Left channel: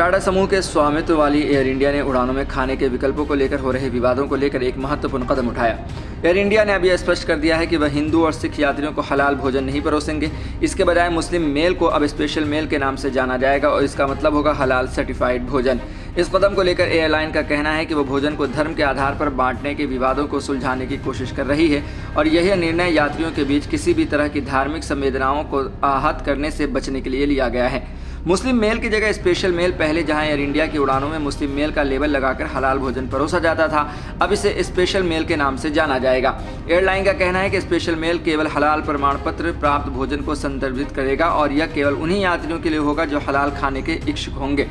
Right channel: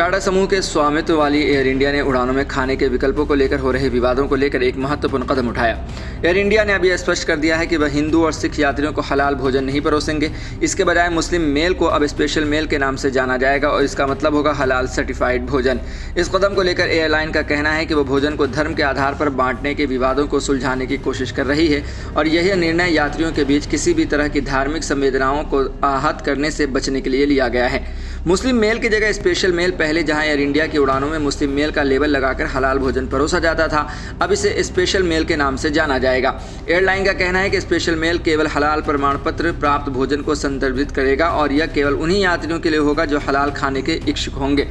टाटा समूह के स्वामित्व वाली एयर इंडिया ने उड़ानों में खाने के विकल्पों को लेकर हो रहे विवादों को लेकर एक महत्वपूर्ण कदम उठाया। एयर इंडिया ने अभी स्पष्ट कर दिया है कि वह हिंदू और सिख यात्रियों को हलाल भोजन नहीं परोसेंगे। इसके बजाय मुस्लिम मेल को अब स्पेशल मेल के नाम से जाना जाएगा और इसका मतलब होगा हलाल सर्टिफाइड भोजन। इस कदम को लेकर एयरलाइन का कहना है कि वह भोजन को धर्म के आधार पर बांटने के विवादों को सुलझाने की कोशिश कर रही है और यह निर्णय यात्रियों के बीच किसी भी तरह की धार्मिक संवेदनाओं को आहत करने से बचने के लिए लिया गया है। मुस्लिम मेल की जगह स्पेशल मेल पहले जहां एयर इंडिया की उड़ानों में मुस्लिम मेल का लेबल लगाकर हलाल भोजन परोसा जाता था, अब इसे स्पेशल मेल के नाम से जाना जाएगा। एयरलाइन का कहना है कि स्पेशल मेल केवल हलाल प्रमाण पत्र प्राप्त भोजन को संदर्भित करेगा और यह केवल उन्हीं यात्रियों के लिए होगा जो हलाल खाने के इच्छुक होंगे।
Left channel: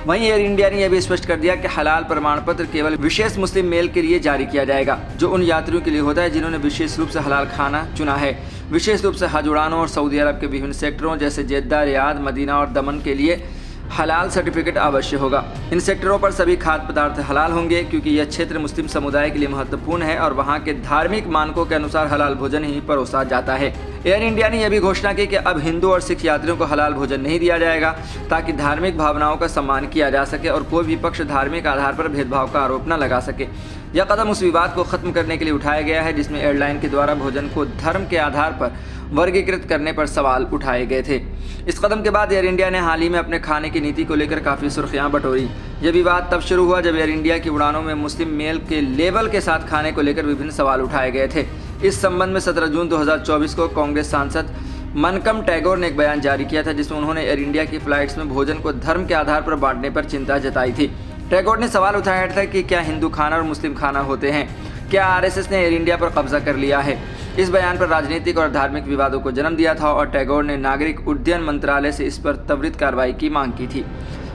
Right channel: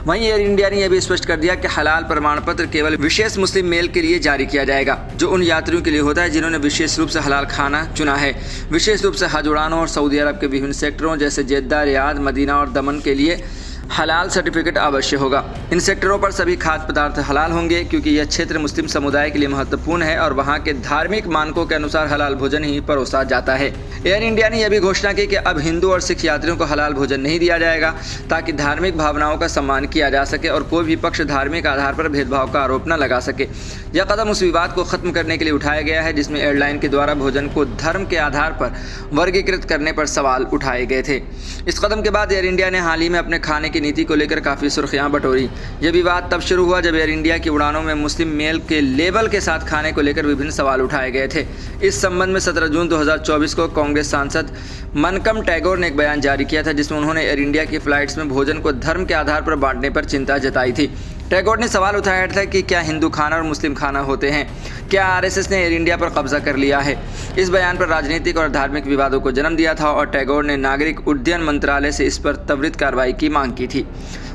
वहीं एयर इंडिया ने यह भी स्पष्ट कर दिया कि हलाल प्रमाण पत्र केवल विशेष मुस्लिम मेल के लिए जारी किया जाएगा, जो उन यात्रियों के लिए होता है जिन्होंने विशेष रूप से हलाल खाना चुना है। विशेष रूप से हज उड़ानों और सऊदी अरब के विभिन्न सेक्टरों जैसे जेद्दा, रियाद, मदीना और दमन के लिए हलाल सर्टिफिकेट अवश्य होगा। इन सेक्टरों पर सभी खाद्य पदार्थ हलाल होंगे क्योंकि यह क्षेत्र मुस्लिम समुदाय के लिए महत्वपूर्ण है और वहां के धार्मिक मानकों के अनुसार हलाल भोजन ही परोसा जाता है। एयर इंडिया ने यह भी घोषणा की कि अब हिंदू और सिख यात्रियों को हलाल भोजन नहीं दिया जाएगा ताकि धार्मिक भावनाओं का सम्मान किया जा सके और कोई भी पक्ष धार्मिक आधार पर भेदभाव का आरोप न लगा सके। यह कदम उस विवाद को खत्म करने के लिए उठाया गया है जिसमें एयरलाइन के द्वारा भोजन को धर्म के आधार पर वर्गीकृत करने पर सवाल उठाए गए थे। इस कदम के बाद एयर इंडिया ने हाल ही में अपने खाने की नीति को लेकर काफ़ी सुर्खियां बटोरी। यह विवाद तब शुरू हुआ जब एयर इंडिया की उड़ानों में मुस्लिम मेल के लेबल के साथ खाने को लेकर विभिन्न सवाल उठाए गए थे। इस संबंध में 17 जून 2024 को कांग्रेस सांसद मनकम टैगोर ने एक बयान जारी किया था जिसमें उन्होंने एयर इंडिया की फ्लाइट्स में भोजन को धर्म के आधार पर बांटने पर चिंता जताई थी। टैगोर ने सवाल उठाया था कि क्या हिंदू खाना और मुस्लिम खाना होते हैं? क्या आरएसएस ने एयर इंडिया पर कब्जा कर लिया है? इस बयान पर राजनीतिक और धार्मिक विवादों को जन्म दिया था और टैगोर ने नागरिक उड्डयन मंत्रालय से इस पर त्वरित कार्रवाई की मांग की थी।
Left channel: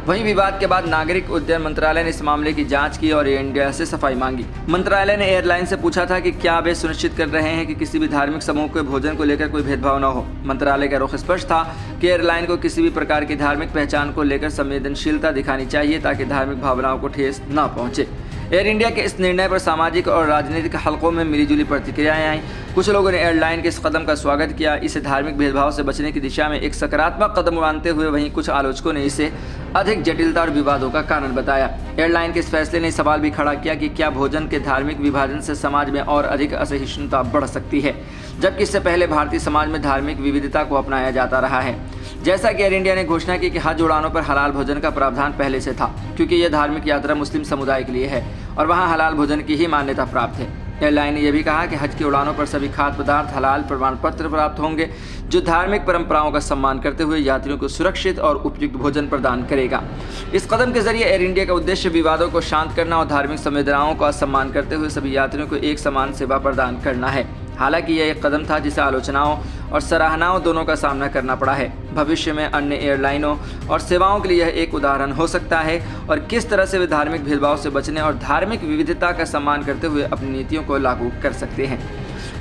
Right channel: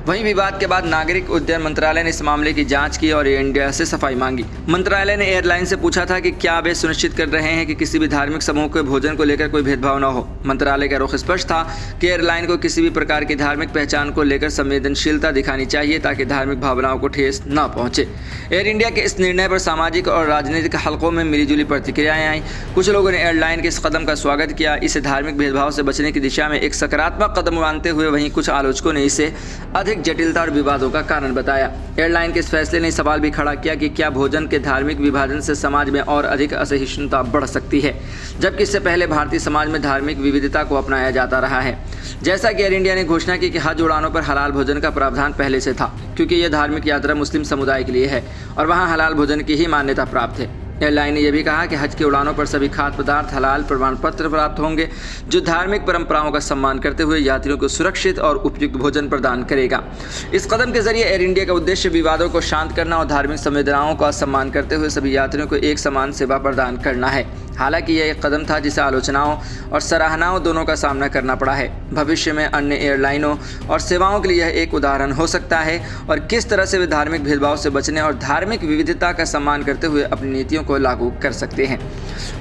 वहीं विवाद के बाद नागरिक उड्डयन मंत्रालय ने इस मामले की जांच की और एयर इंडिया से सफाई मांगी। मंत्रालय ने एयरलाइन से पूछा था कि क्या वे सुनिश्चित कर रहे हैं कि किसी भी धार्मिक समूह के भोजन को लेकर कोई भेदभाव न हो। मंत्रालय का रुख स्पष्ट था कि एयरलाइन को किसी भी प्रकार की धार्मिक पहचान को लेकर संवेदनशीलता दिखानी चाहिए ताकि धार्मिक भावनाओं को ठेस न पहुंचे। एयर इंडिया के इस निर्णय पर सामाजिक और राजनीतिक हलकों में मिलीजुली प्रतिक्रियाएं आई। कुछ लोगों ने एयरलाइन के इस कदम का स्वागत किया, इसे धार्मिक भेदभाव से बचने की दिशा में एक सकारात्मक कदम मानते हुए वहीं कुछ आलोचकों ने इसे अधिक जटिलता और विवादों का कारण बताया। एयरलाइन के इस फैसले ने सवाल भी खड़ा किया कि क्या भोजन के धार्मिक विभाजन से समाज में और अधिक असहिष्णुता बढ़ सकती है, जबकि इससे पहले भारतीय समाज में धार्मिक विविधता को अपनाया जाता रहा है। जैसा कि एयर इंडिया ने घोषणा की कि हज उड़ानों पर हलाल भोजन का प्रावधान पहले से था क्योंकि यह धार्मिक यात्रा मुस्लिम समुदाय के लिए है और वहां हलाल भोजन की ही मान्यता प्राप्त है। एयरलाइन ने यह भी कहा कि हज की उड़ानों पर सभी खाद्य पदार्थ हलाल प्रमाण पत्र प्राप्त होंगे जो धार्मिक परंपराओं का सम्मान करते हुए यात्रियों को सुरक्षित और उपयुक्त भोजन प्रदान करेगा। इस कदम के जरिए एयर इंडिया का उद्देश्य विवादों को शांत करना और धार्मिक संवेदनाओं का सम्मान करते हुए सभी यात्रियों को एक समान सेवा प्रदान करना है। हालांकि यह एक कदम था जिसे आलोचनाओं और सराहनाओं दोनों का सामना करना पड़ा है। भविष्य में अन्य एयरलाइनों और सेवाओं के लिए यह एक उदाहरण हो सकता है और किस तरह से वे धार्मिक भेदभाव से बचने और धार्मिक विविधता का सम्मान करते हुए अपनी नीतियों को लागू कर सकते हैं।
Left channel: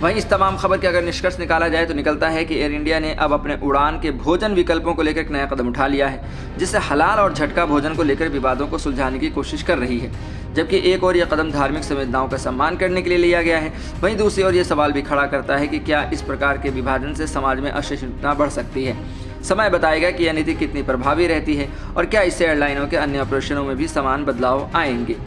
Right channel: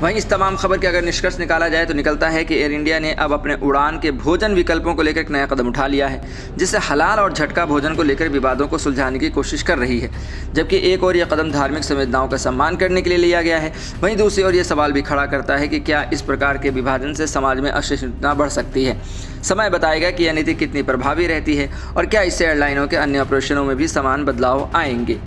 वहीं इस तमाम खबर के अगर निष्कर्ष निकाला जाए तो निकलता है कि एयर इंडिया ने अब अपने उड़ान के भोजन विकल्पों को लेकर एक नया कदम उठा लिया है जिससे हलाल और झटका भोजन को लेकर विवादों को सुलझाने की कोशिश कर रही है, जबकि एक और यह कदम धार्मिक संवेदनाओं का सम्मान करने के लिए लिया गया है। वहीं दूसरी ओर यह सवाल भी खड़ा करता है कि क्या इस प्रकार के विभाजन से समाज में असहिष्णुता बढ़ सकती है। समय बताएगा कि यह नीति कितनी प्रभावी रहती है और क्या इससे एयरलाइनों के अन्य ऑपरेशनों में भी समान बदलाव आएंगे।